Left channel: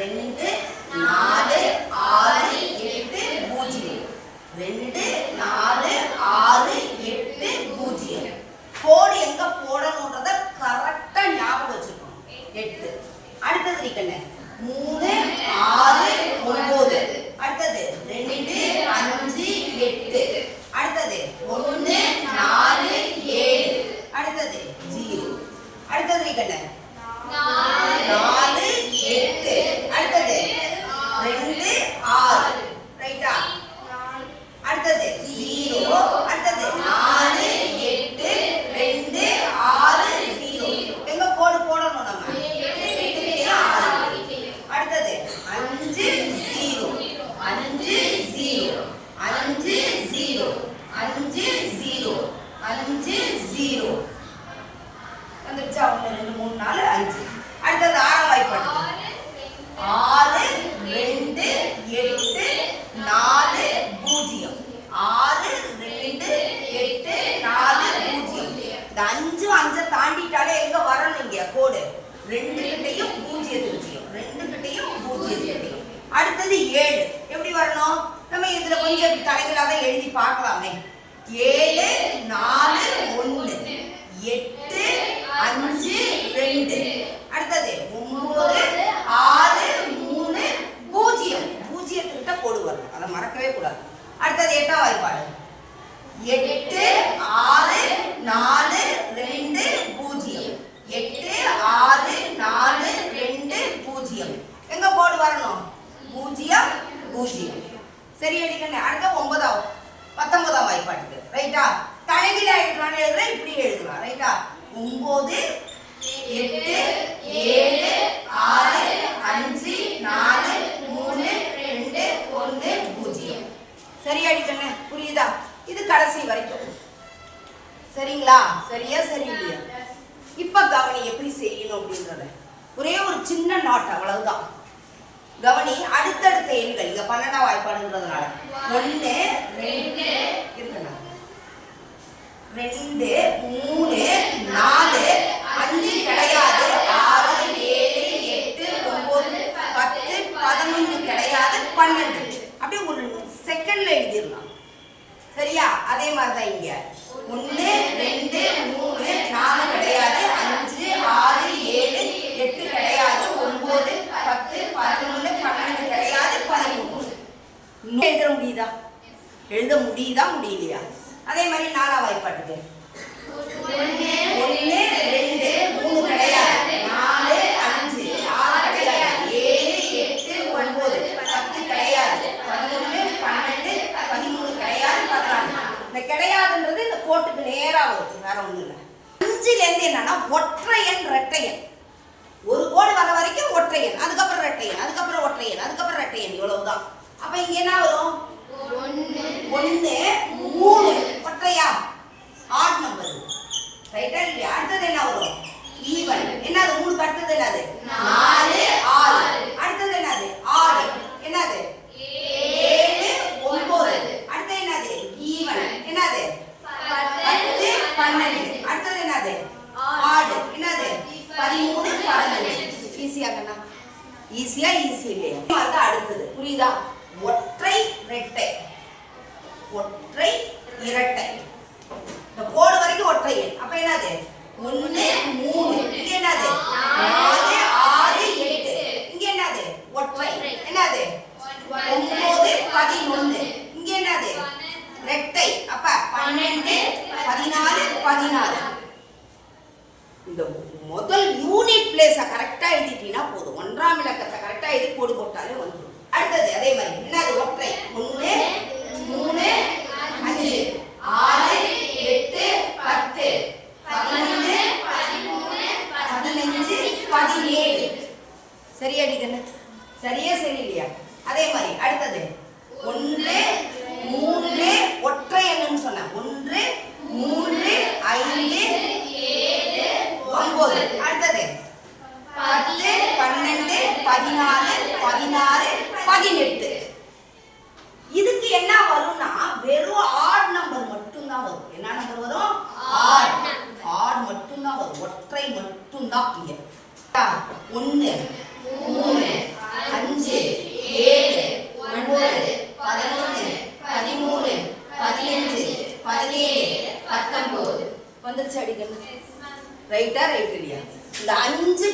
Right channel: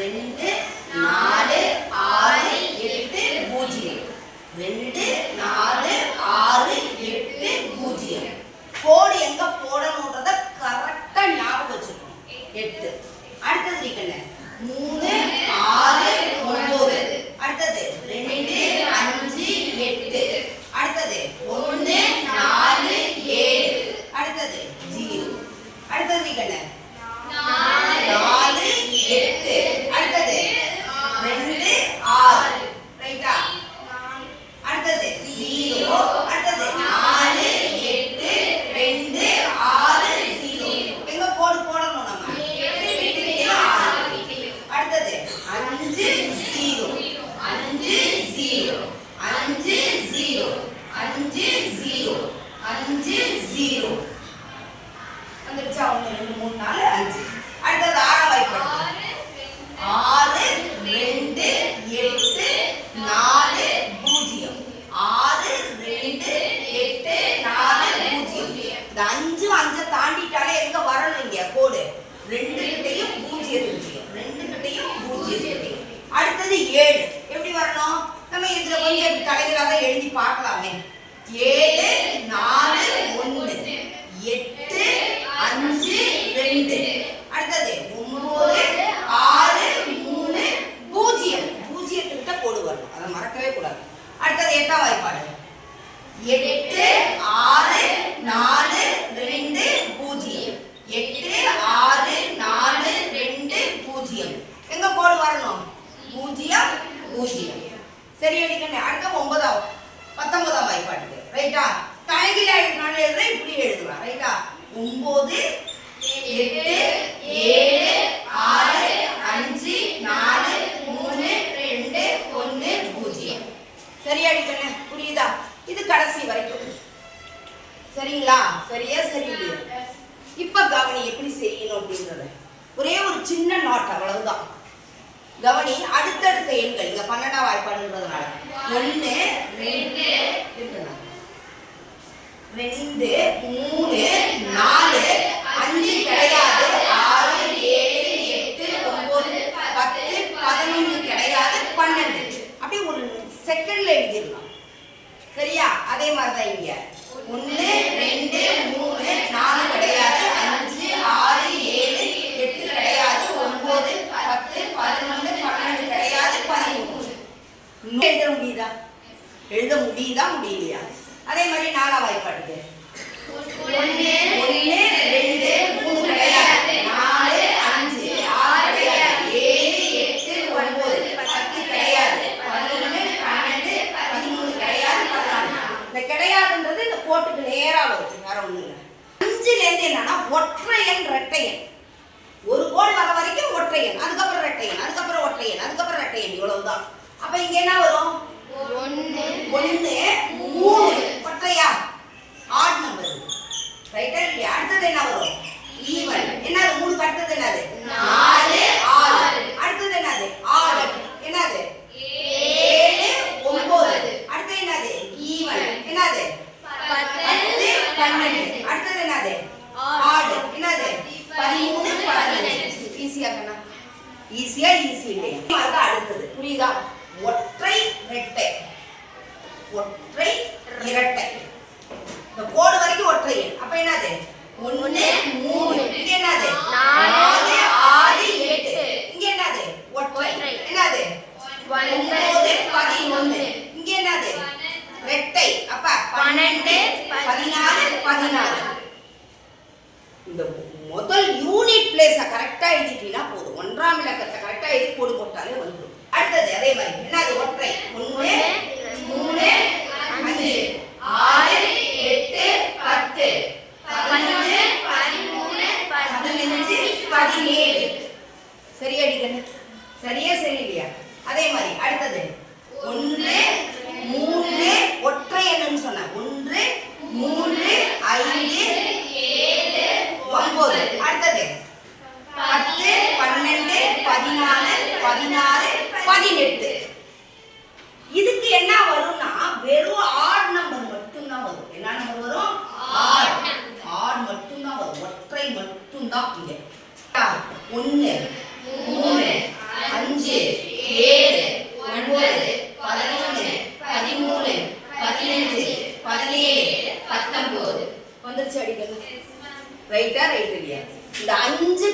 2 4 6 8 0 2 4 6 8 0 கோடு எங்க போடணும்ன்றத கரெக்டா ஞாபகம் வச்சுக்கணும் 8 அடுத்தது இருக்கண்ணே 3 6 9 அடுத்தது 2 5 8 அடுத்தது 1 4 7 அடுத்தது 0 அடுத்தது இருக்கண்ணே 4 8 அடுத்தது 2 6 ரைட்டா அடுத்தது 0 அடுத்தது 4 8 2 6 0 எங்க கோடு போடணும் நம்ம அடுத்தது 5 0 5 0 5 0 5 0 5 0 வந்துருச்சா 1 2 3 4 5 அடுத்தது 6 வாய்ப்பாடு 6 2 8 4 0 6 2 8 4 0 இந்த 5 5 தாண்டிட்டாலே எங்க வரணும் இங்க கோடு 2 கிட்டையும் 0 கிட்டையும் 2 கிட்டையும் 0 கிட்டையும் அடுத்தது 7 எப்படி வரணும் நம்ம இதுல கொஞ்சம் தலைகளாக எழுதி பார்க்கலாமே 7 4 1 8 5 2 அடுத்தது 9 6 3 0 0 கிட்ட கோடு வரணும் அதை மறக்கவே கூடாது அடுத்தது 8ஆம் வாய்ப்பாடு 8 6 4 2 0 8 6 4 2 0 எங்க கோடு வரணும் 0 0 சரி அடிக்கண்ணே அடுத்த 19ஆம் வாய்ப்பாடு ரைட்டா தலைகீழா எழுதுறானே இப்படி எழுதுறா ரைட்டா 9 8 7 6 5 4 3 2 1 0 சரி அடிக்கண்ணே புரியுதா இது கடைசி வரைக்கும் சரிங்களா சரியா சரியில்லையா இப்ப கவனி எப்படி செய்யணும் அப்படின்றத ஒரே ஒரு சின்ன நோட் அவ்வளவுதான் கவனி அடுத்தடுத்த எண்கள் இங்க 12ஆம் வாய்ப்பாடுன்றதுனால 1 2 இருக்குண்ணா 2 3 4 5 கிடையாது 6 7 8 9 10 11 கிடையாது 12 அப்படியே ஒரு செகண்ட்ல எழுதிடலாம் சரியா அதே மாதிரி தான் இங்க 1 2 3 4 கிடையாது 5 6 7 8 கிடையாது 9 10 11 12 கிடையாது 13 எழுத முடியுதா முடியலையா அதே மாதிரி 4ஆம் வாய்ப்பாட்டுக்கு 1 2 3 கிடையாது 4 5 6 கிடையாது 7 8 9 10 கிடையாது 11 12 13 கிடையாது 14 இந்த கிடையாதுன்றது இந்த கோட்டுக்கு நேரா வரும் வேற ஒண்ணும் இல்லை 5ல இருந்து என்னன்னா ஒற்றையன் ரெட்டையன் ஒரு கோடு வர வரைக்கும் ஒற்றையன் அதுக்கப்புறம் ரெட்டையன் அதுக்கப்புறம் ஒற்றையன் அதுக்கப்புறம் ரெட்டையன் இவ்வளவுதான் அப்ப இங்க என்ன வரும் 1 3 ஒற்றையா ஆட் நம்பர் ரைட்டா இல்லையா அடுத்தது என்ன வரும் ஈவன் என்னது 3 அடுத்தது என்னது 4 6 அடுத்தது என்னது 6 என்னது 7 9 அடுத்தது என்னது ஈவன் என்னது 10 12 அடுத்தது என்னது ஆட் என்னது 13 15 ஈஸியா கண்ணா ஈஸியா ஈஸி இல்லையா அது அடுத்தது புரியுதா ஒற்றை இரட்டை ஒற்றை இரட்டை இந்த கோடு வரைக்கும் ஒற்றை அப்ப என்னது 1 3 இங்க என்னது 4 6 8 இங்க என்னது ஒற்றை என்னது 9 11 இங்க என்னது இரட்டை அப்ப 12 14 16 இந்த முதல் யூனிட் பிளேஸ கரெக்டா எழுதிட்டீங்கன்னா போதும் 1ஆம் இலக்கத்தை கரெக்டா எழுதி கோடு போட்டாலே வந்துடும் அடுத்தது அதே மாதிரி என்னது ஒற்றை 1 3 5 6 8 10 11 13 15 17 சரியா அடிக்கண்ணே சரியா சரி இல்லையா அதே மாதிரி அடுத்தது 1 3 ஒற்றை எண்ணுன்னு சொன்னேன் 1 3 5 9 அடுத்தது 10 12 14 16 18 இதுக்கு என்ன வரும்னா வெறும் ஆட் நம்பர் மட்டும் தான் வரும் என்ன நம்பர் வரும் ஆட் மட்டும் தான் வரும் ஒற்றை மட்டும் தான் இங்க 1 3 17 19 வந்துருச்சு அடிக்கணும். ரைட்டா ரைட் இல்லையா? இந்த 5